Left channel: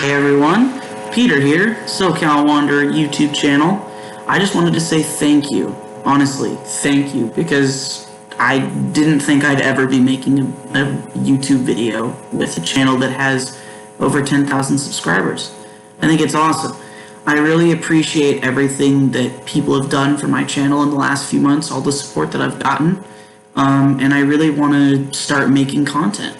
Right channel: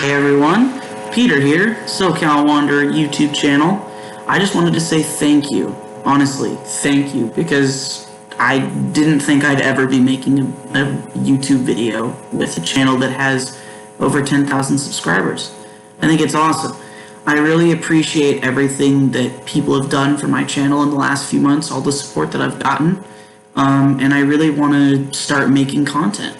Hey everyone, Peter here, Socal Wanderer YouTube channel. I just wanted to say thank you, honestly, thank you, because I didn't think I'd ever be making a YouTube video with a channel that has over 10,000 subscribers. I think it's awesome. I really appreciate everything that people have done for my channel in the last few months, all the support that I've gotten, and I really want to start making content.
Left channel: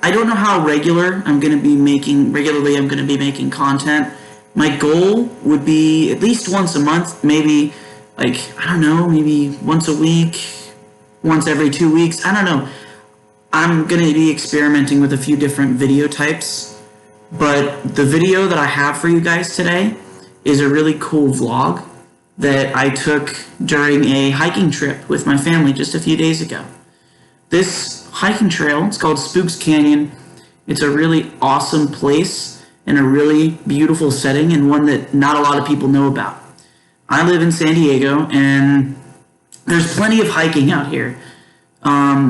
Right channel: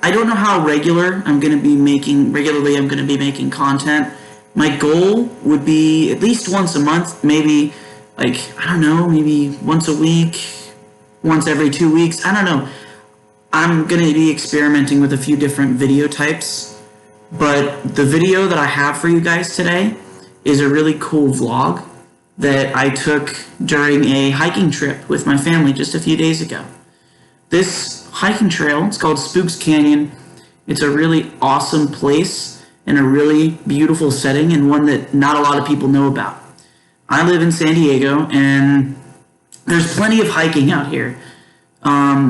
I don't know how regularly I'm going to be making content. My goal would be at least once a month, maybe maybe once a week, once every 2 weeks. I don't know. I'm going to be experimenting with a few different video types, but the video that I have for you guys today is a really cool vlog that I took during a hiking trip with my family just a few days ago. This hiking trail, it's called Spooks Canyon. It's a really awesome place and a really beautiful setting, and one that not a lot of people know about. I live in San Diego, and there's plenty of hiking out here.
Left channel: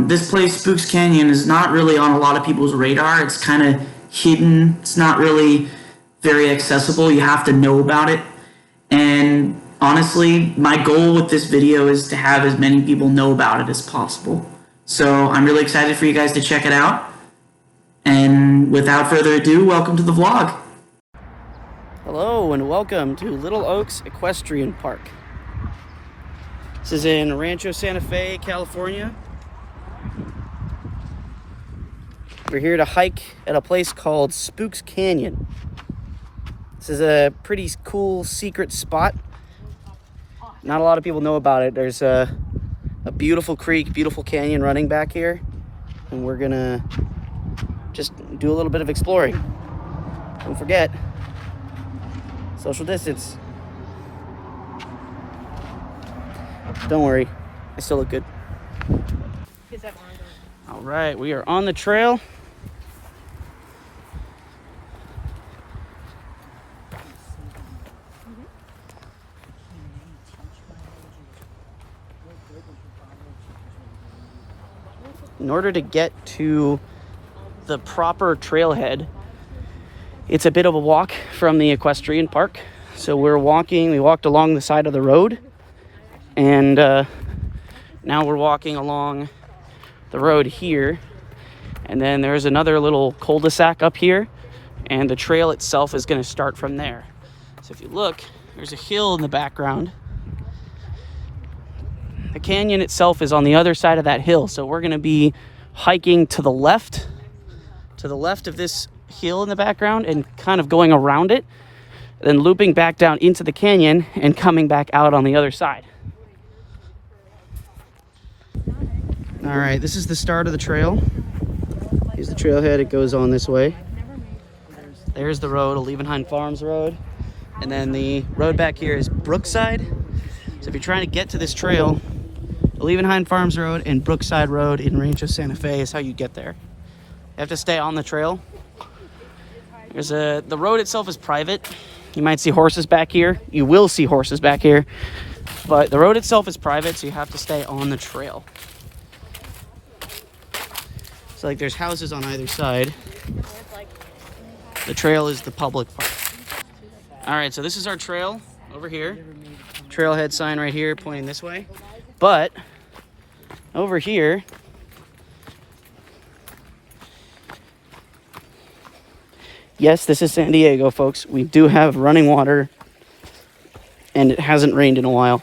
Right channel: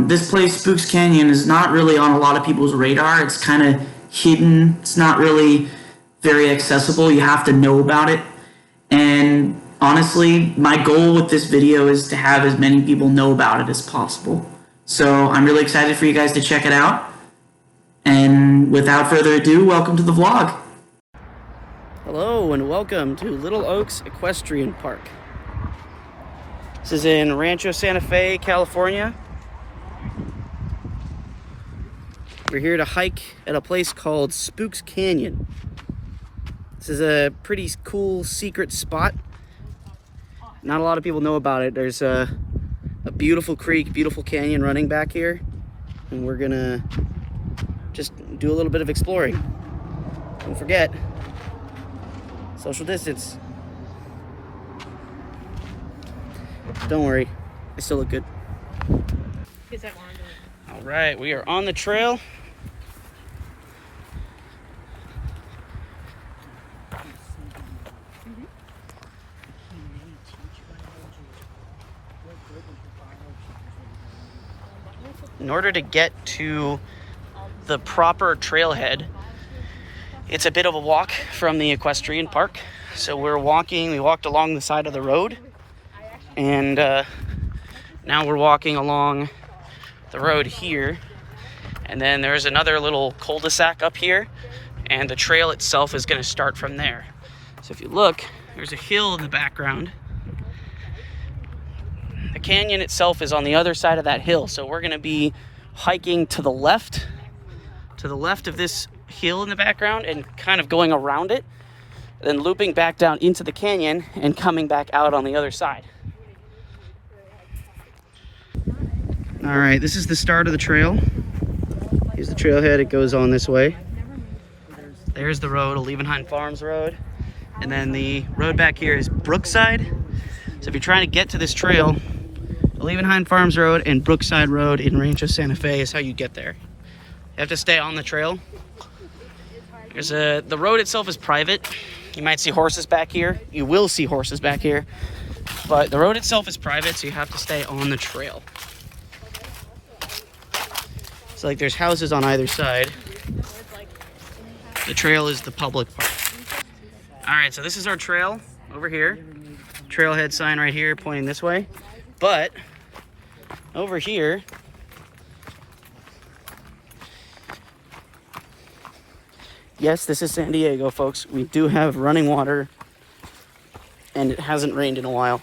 This place, Spooks Canyon, is not really on a lot of people's radar. It's kind of hidden. It's not really very accessible. You have to know about it. And honestly, my goal with this video is to have as many people know about it as possible. So I'm really excited for you guys to check it out. And without further ado, welcome to the vlog. Hello and welcome to Little Oaks Equestrian Park. This is in Rancho Santa Fe, California. We're here to hike at a place called Spooks Canyon. This is a pretty cool secret spot. Not a lot of people know about it. There's a beautiful creek, beautiful canyon running back here, and we're gonna just do a little bit of exploring. Don't forget, social distance. Don't worry, I still look good. All right, we are on the trail. In order to get to the proper trailhead, it's a bit of a walk from the equestrian park. So we walked along the side of the road, and now we're walking along the road here. And then there's another little cul-de-sac up here, and the trail itself is going to start from there. So if you look, there's a hill in the background. The canyon itself is on the other side of that hill, so we're going to be hiking to the left of this hill in the background and kind of going around it, then looping back down into the canyon and coming back out on the other side. All right, this is the start of the trail. Here's the trailhead. It goes on this way. There's the road, Olivenhain Farms Road. And then the road back here is Brookside. So if you're trying to get to this trail, Olivenhain Farms Road and Brookside Road in Rancho Santa Fe is how you get there. You have to stay on the trail. The road itself is private. You might see horses back here. You will see horses back here. But the road itself is private, so you have to stay on the trail. So there's houses on either side. The trail is the public part. All right, so this is our trail over here. Trailhead sign right here pointing this way. But over here, yes, this is San Diego, folks. We do have running water, and it hasn't rained in a while.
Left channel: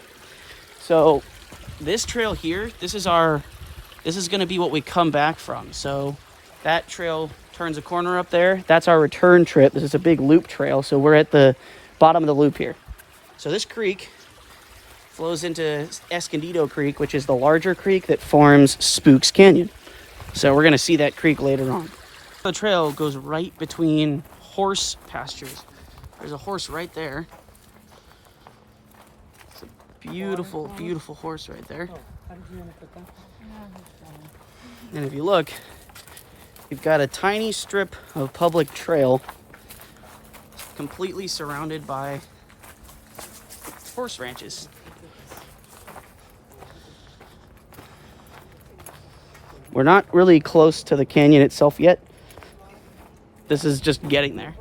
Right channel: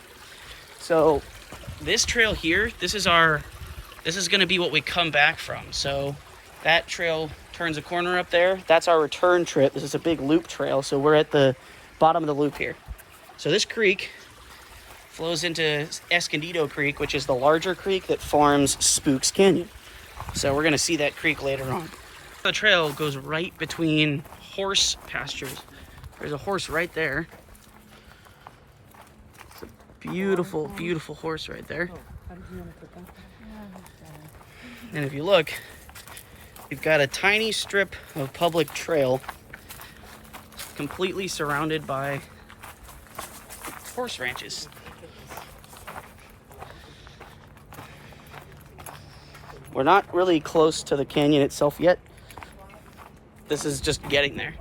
So this trail here, this is going to be what we come back from. So that trail turns a corner up there. That's our return trip. This is a big loop trail. So we're at the bottom of the loop here. So this creek flows into Escondido Creek, which is the larger creek that forms Spooks Canyon. So we're going to see that creek later on. The trail goes right between horse pastures. There's a horse right there. It's a beautiful, beautiful horse right there. And if you look, you've got a tiny strip of public trail completely surrounded by horse ranches. We're not really close to the canyon itself yet. This is just getting there.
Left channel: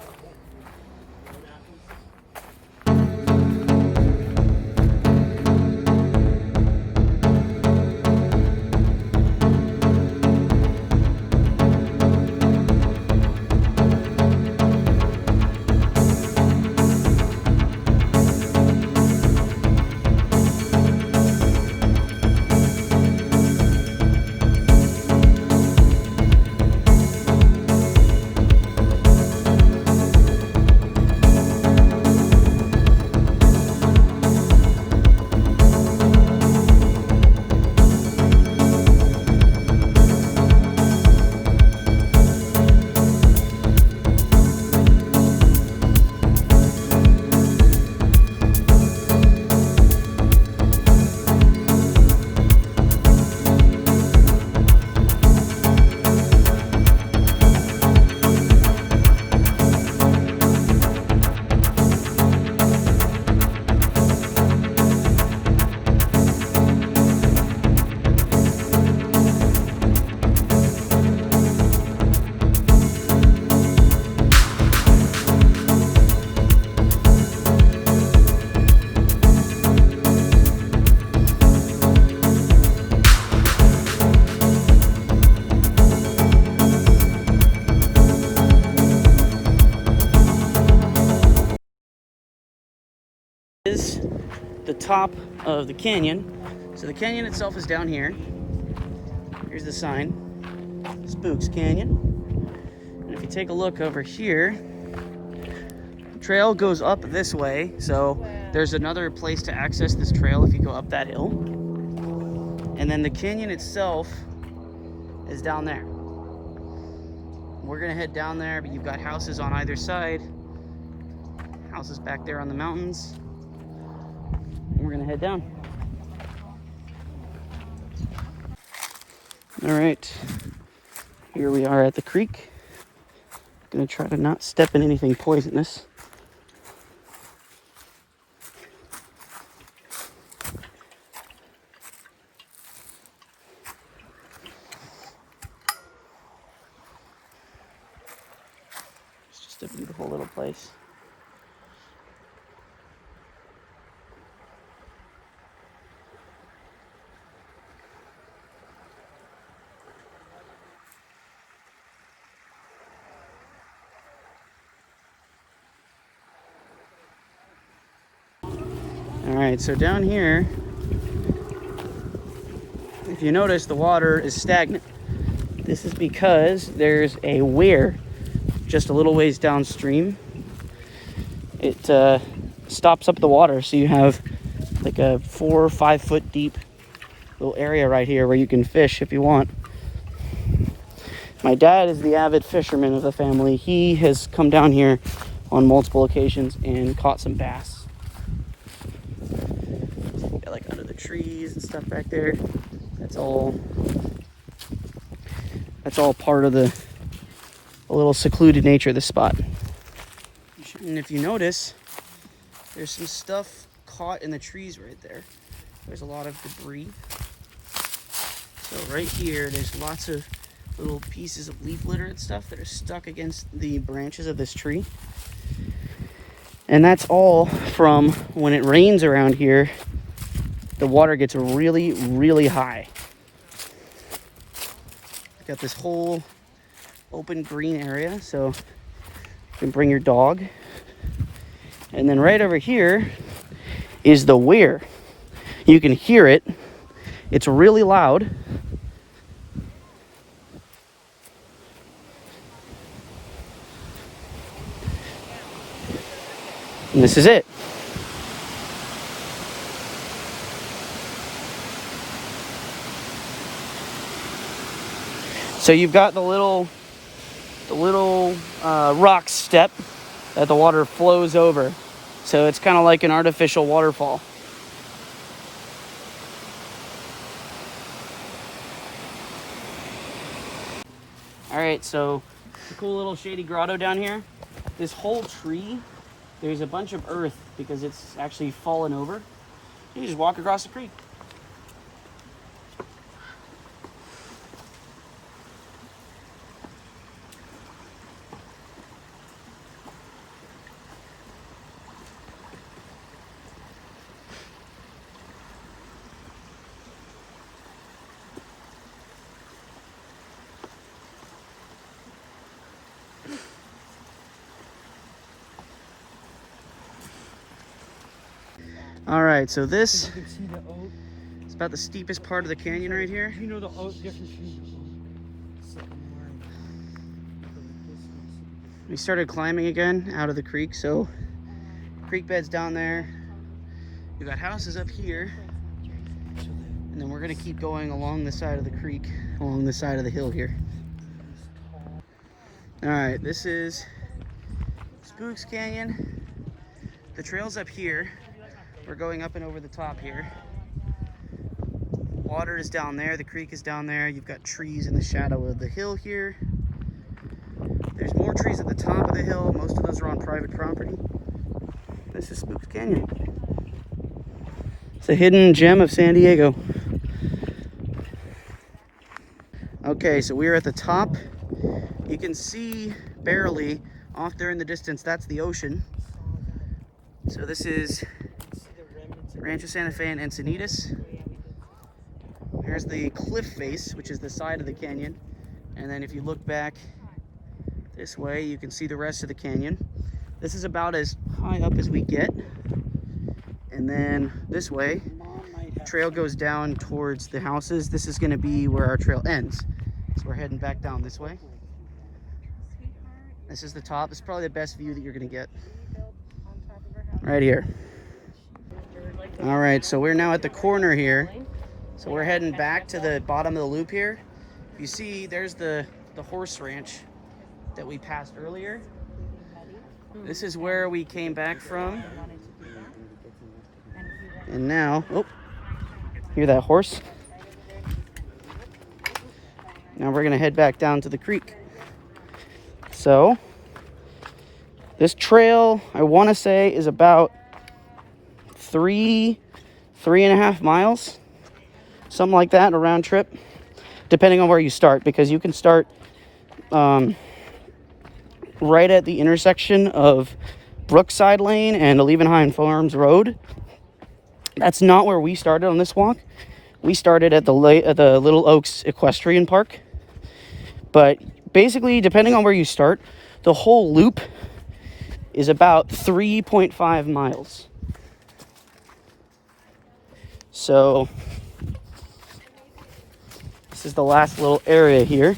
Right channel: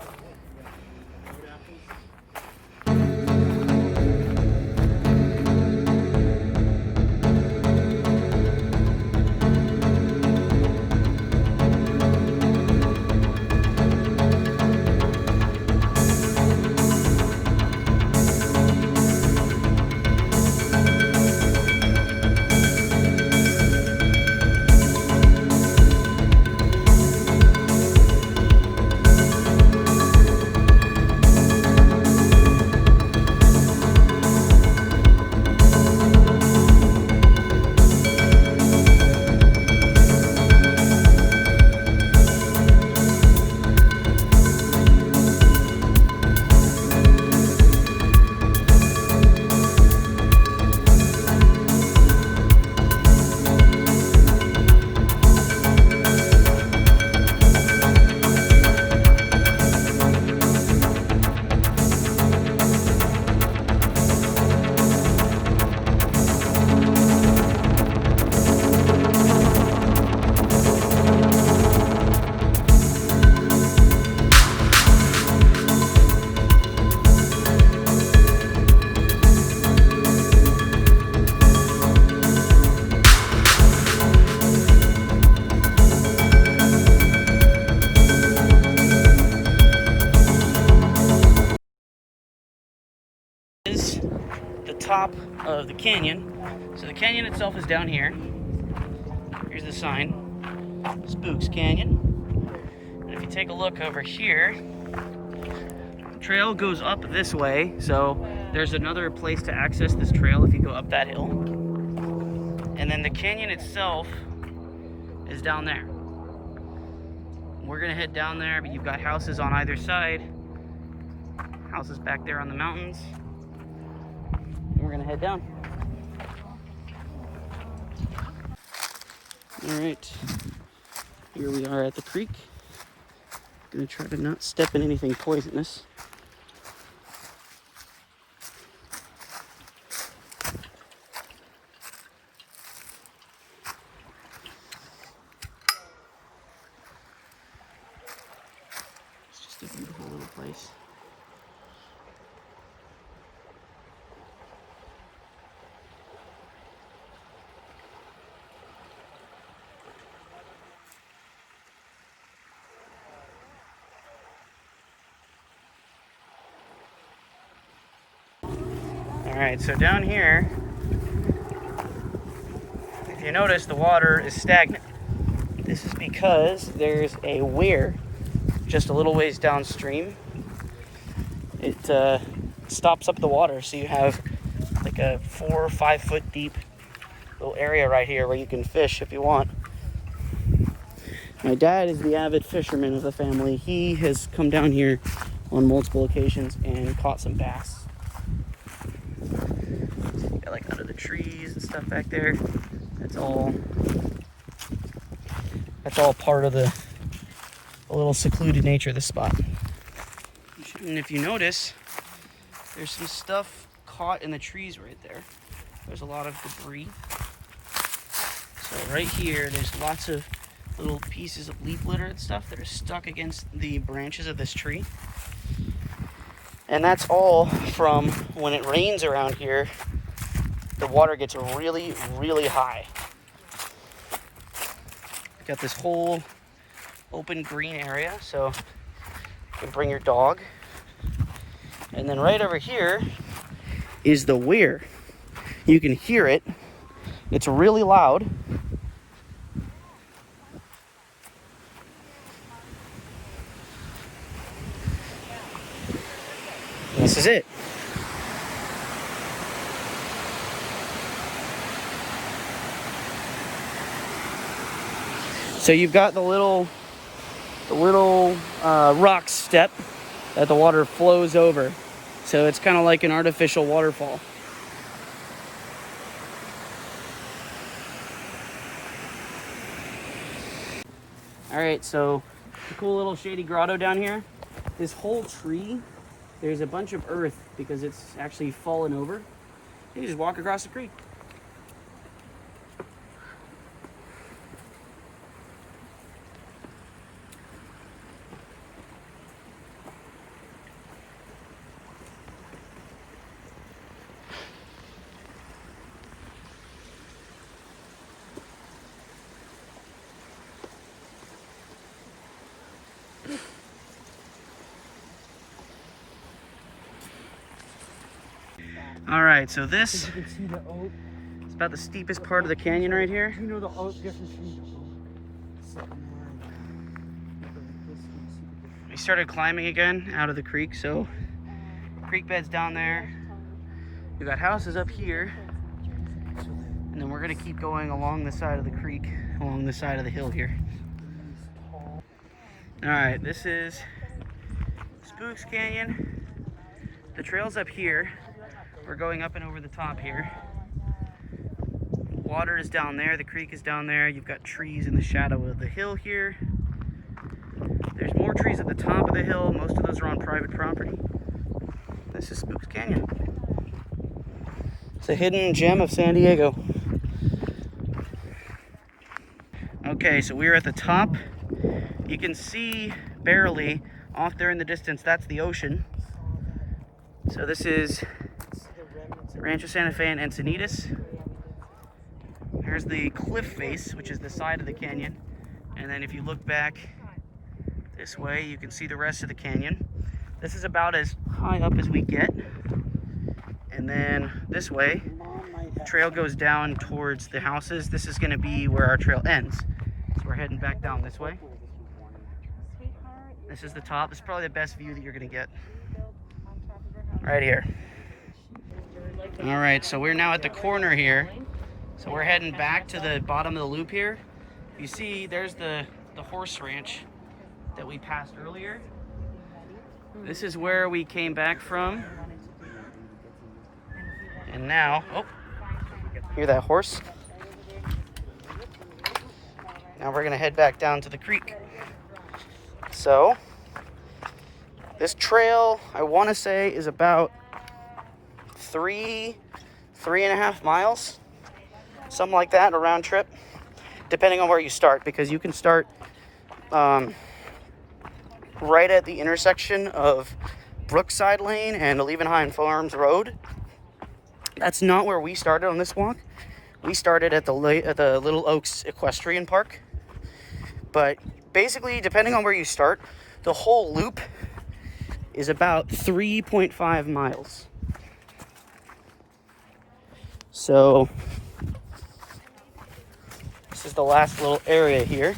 top of the canyon. So the canyon itself is down here. Here's the sign, Spooks Canyon. And if you take a look over here, the trail goes up this way. So there's another place to access this trail if you go up that hill. And then the canyon itself is down there. We're gonna head down there, but you've got houses on either side. Houses back there on the mountains. We're gonna head down. All right, here we are at the creek. Gonna try to not step in anything poisonous. It's just a beautiful little place. Alright, so down here, if you notice, the water is stagnant. This is because there's a weir just a little ways downstream. It stops up the water, so you have like a 4 or 5 foot deep little area right here where you can fish if you want. My dad is the avid fisherman of the family. He has come down here on multiple occasions and caught some bass. Like under the trees and stuff back there. It's all part of the little secluded nature of the spot. And if you notice, there's some stuff caught in the trees right there. There's a lot of debris. So right here, there's lots of little pieces of leaf litter and stuff that are stuck against the branches of this tree. And that's all from when it rains around here, the water gets really, really high. Got this whole open green area, so you can bring your dog. And then right over here is the weir. You can hear it. It's really loud. And this is it. So you've got the little rock step that the water flows over. So it's kind of like an artificial waterfall. All right, so the cool little shady grotto down here. This whole tree, there's a bunch of earth because it's actually fallen over. You just walk across the creek. All right, so this is about the steepest part of the canyon right here. You know the oak difference between We started climbing again out of the creek, so creek bed's down there. We've got houses up here, and then we're gonna keep going along the side of the creek, along the side of the hill here. All right, this is Spooks Canyon. The trail's up here. We're going up and over the top here. Water is down there, the creek is down there. You've got trees in the shadow of the hill here. There's more trees at the top of the hill. Most of those are on private property. This is Spooks Canyon. It's a hidden gem of San Diego. Okay, so we're at the top. You can see barely off there in the distance, that's the ocean. So this is Rancho Santa Fe and Encinitas. Here's the cliff face, which is the side of the canyon. And then if you look back this way, you can see the rest of the canyon. This is about as high up as we get. And then this way, trail goes down towards the houses. This is going to be where our trail ends. So we're heading back down this way. This is the top. This is probably the best view that you're going to get. Right here. All right, so we're now at the corner here. So we're heading back to the bottom of the loop here. You see, there's the horse ranch that we passed earlier. This is where we came back from. And now, oh, hear that horse? Now we're gonna head back down to the creek. So, this trail, I wanna say, is about 3.5 miles. Something like that, a round trip, depending on where you start, because you can start right at the intersection of Brookside Lane and Olivenhain Farms Road. That's not where we started on this walk. We started at the Little Oaks Equestrian Park. But basically, depending on where you start, the whole loop is about 3.5 miles. So this is the last little area here.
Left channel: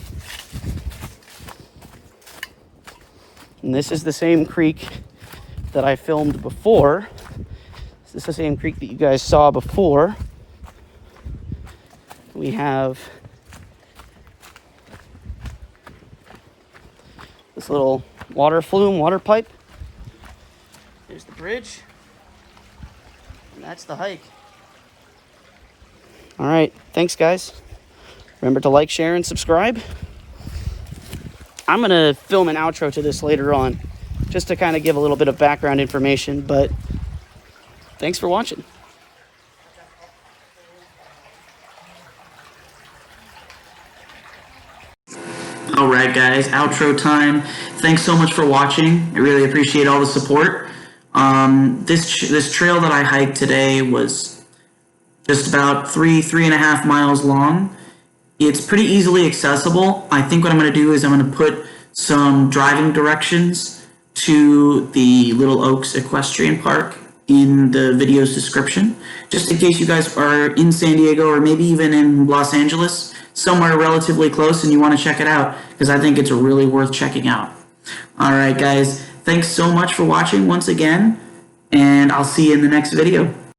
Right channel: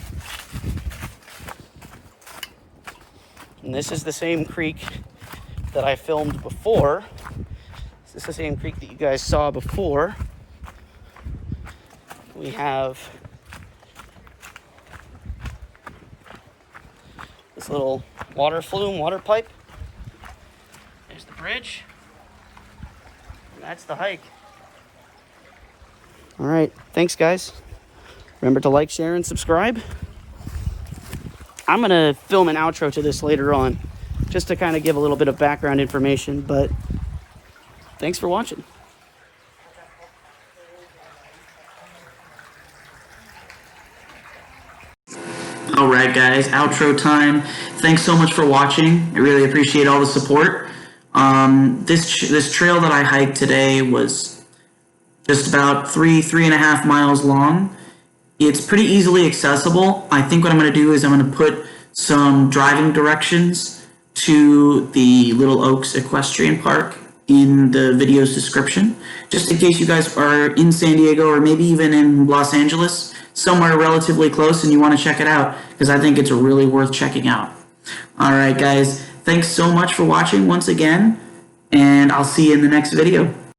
And this is the same creek that I filmed before. This is the same creek that you guys saw before. We have this little water flume, water pipe. There's the bridge. And that's the hike. All right, thanks guys. Remember to like, share, and subscribe. I'm gonna film an outro to this later on, just to kind of give a little bit of background information, but thanks for watching. All right, guys, outro time. Thanks so much for watching. I really appreciate all the support. This trail that I hiked today was just about 3.5 miles long. It's pretty easily accessible. I think what I'm going to do is I'm going to put some driving directions to the Little Oaks Equestrian Park in the video's description, just in case you guys are in San Diego or maybe even in Los Angeles, somewhere relatively close, and you want to check it out, because I think it's really worth checking out. All right, guys, thanks so much for watching once again, and I'll see you in the next video.